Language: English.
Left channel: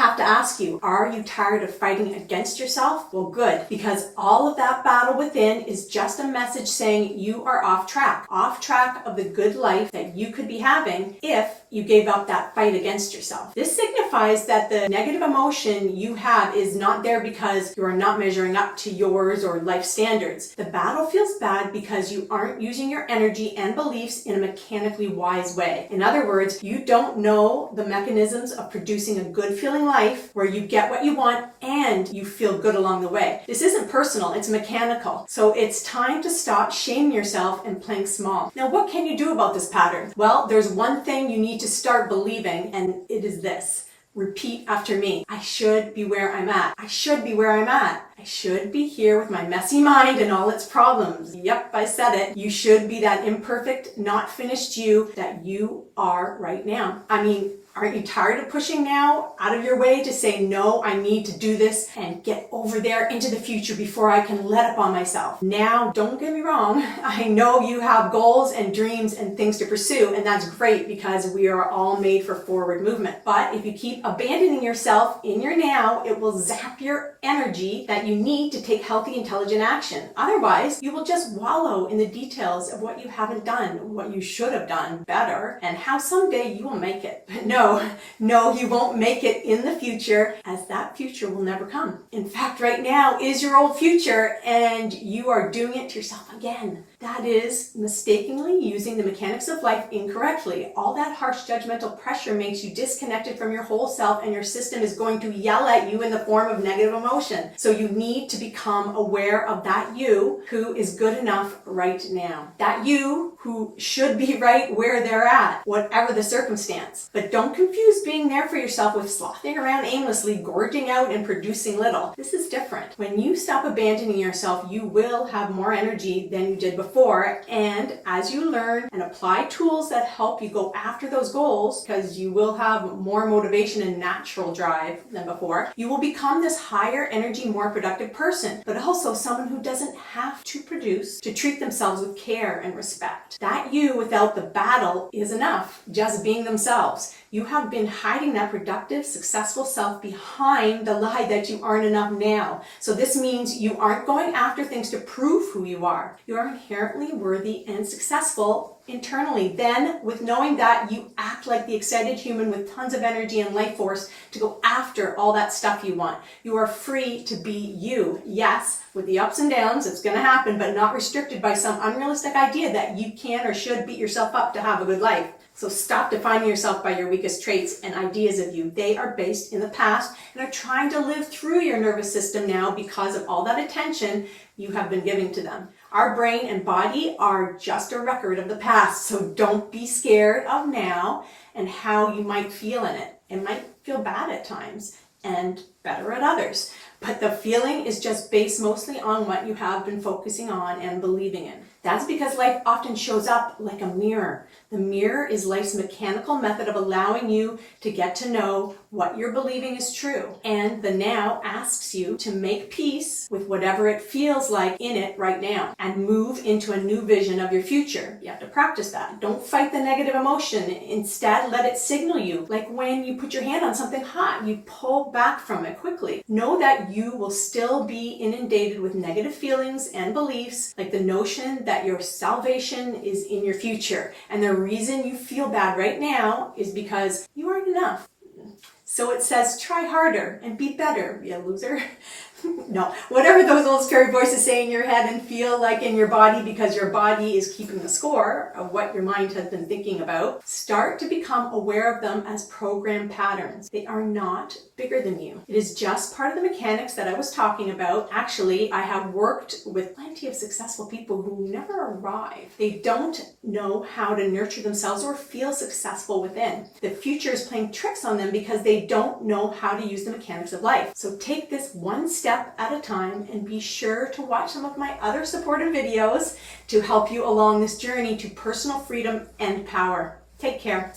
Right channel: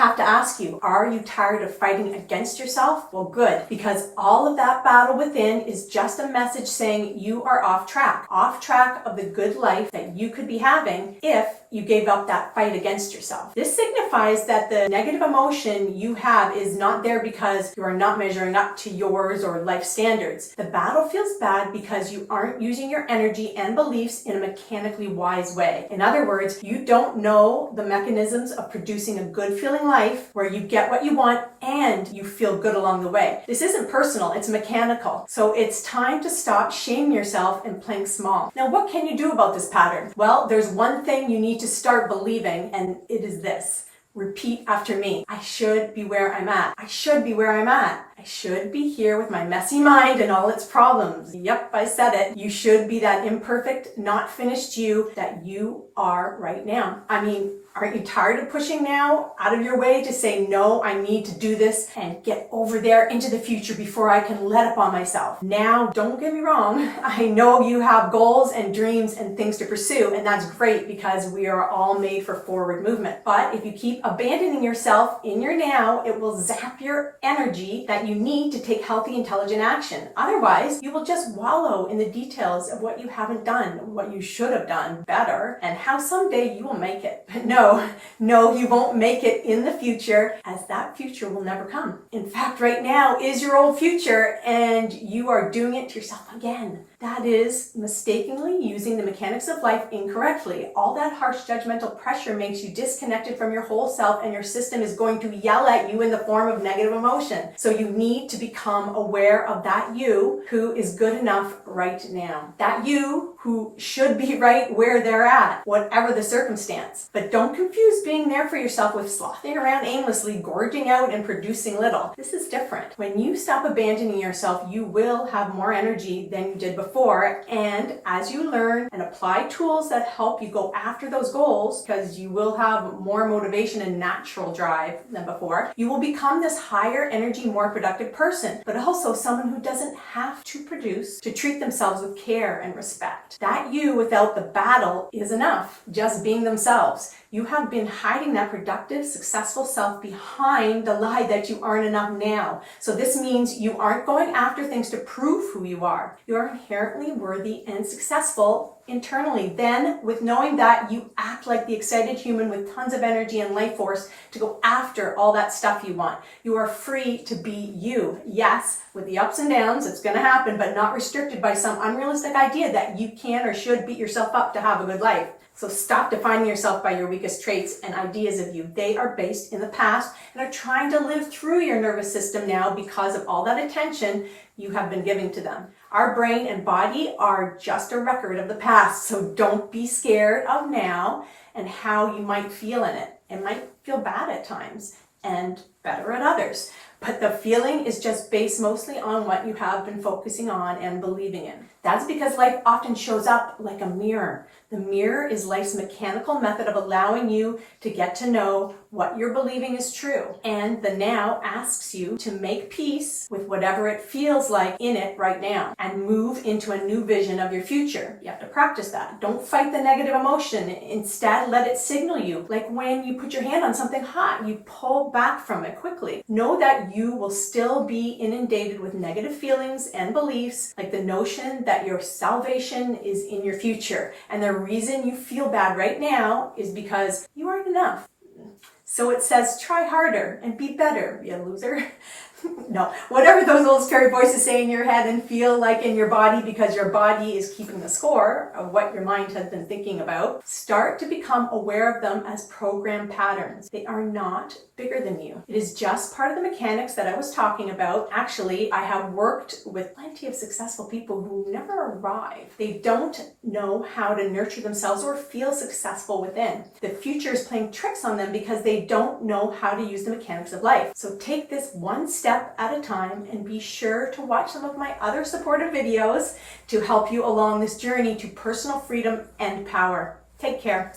have to ask you, are you tired of fighting against yourself? Well, good, because all of that battle within is just a message saying you are off track of the good life that you could be having if you gave up that fight against yourself. This signifies that the negative emotion you have is not there because you are not measuring up to yours or life standards. The battle feels bad because you aren't using your energy and beliefs in a mechanically wise way. In other words, you don't know the mechanisms of producing a good feeling life where you get what you want and you feel good along the way. This isn't personal, it's mechanical. So it's time to stop shaming yourself and playing small. Now, what can you do about this pattern? Well, there's one thing you need to start believing, and it is this. Repeat after me. I should be where I'm at. I should be where I'm at. I should be here with my messy mind and all its problems. Yep, I said it. You should be that imperfect, not finished you that you are right now. I mean, aren't you tired of pushing now out of your way to say, no, I need to do this and get over there into the future before I can let up on myself? Now, don't get me wrong. I know you have goals and dreams and things to pursue, and that's great because we are all made for forward movement. But if you keep abandoning yourself in your now, it will zap your energy that you need to take healthy, intelligent action. Otherwise, you will just wallow in the details of what you haven't done, what you should have done better, and how someday you will make it. But no, you won't make it in the future, as that future will never come. In fact, right now is your old future, and you are doing it to yourself again. That is mistakenly using the mechanics of life incorrectly. All that harsh judgmental pressure makes you disconnected from your whole self, and your system is going to yell at you in the form of negative emotion. So you need to become aware of that you who is good enough right now. That you who should be right where they're at, whatever the circumstance. But don't confuse being there for yourself with slothing around aimlessly, gorging out and producing little. This is different. When you stop abandoning yourself, you will have more energy than you did before. And as you learn and apply tools that help you go after those goals, because you will have more motivation and natural drive than before, you will become this higher energy, more productive person, but also someone who doesn't have to produce to treat themselves with care and respect. That you without the battle is enough, just being themselves. You have been hiding that productive, successful self behind the lie that you aren't enough now. So this means you aren't going after things to prove who you are. You are inherently worthy and successful internally. Then, with knowing that, you act like the excited human with tons of energy and life force to go after all that stuff you want. You are free to be you. Yes, with the ups and downs, it's going to happen, but not restricted by some unrealistic idea that you can or should beat yourself up to have a good life. So stop defining yourself by your weakest traits and ideas of you. They are based in the past and are trying to live through your nervous system now because of all that attention you have been giving to them. Our brain and body are just a record of the past, so don't be scared of now and how you might feel in it. It might feel bad at times and better at others, but the feeling is just based mostly on what you have been focusing on and believing in. That's because life often shows up like a mirror. The mirror is life's mechanical method of allowing you to get to know what you're believing is true. And the now asks you to make peace with whatever it feels like in it right now and move into a new vision of your future. You have to practice that. Don't fight the negative emotion. Instead, let it signal you. Like when you put your hand on something hot, you pull back from it quickly. Know that you will still be inundated with negative feelings and beliefs, like the notion that your salvation is in your future. And the reason you feel bad right now is because you aren't enough. So it says, try harder and be better, you loser. No, whatever those old scary voices say in your head and feel like in your body, because your body is keeping the score of what your mind has been thinking about, start to become aware of them as program patterns. They are not bigger than you. It is just part of the mechanics that I was talking about. Actually, I have worked with plenty of successful people who never arrive. They don't know how to nurture themselves or feel successful within. The future is playing tricks on them because they don't know how to use the mechanics of life. So take this one step at a time and be sure to watch some of my other supportive videos to help you along this journey to personal freedom and power. Take care.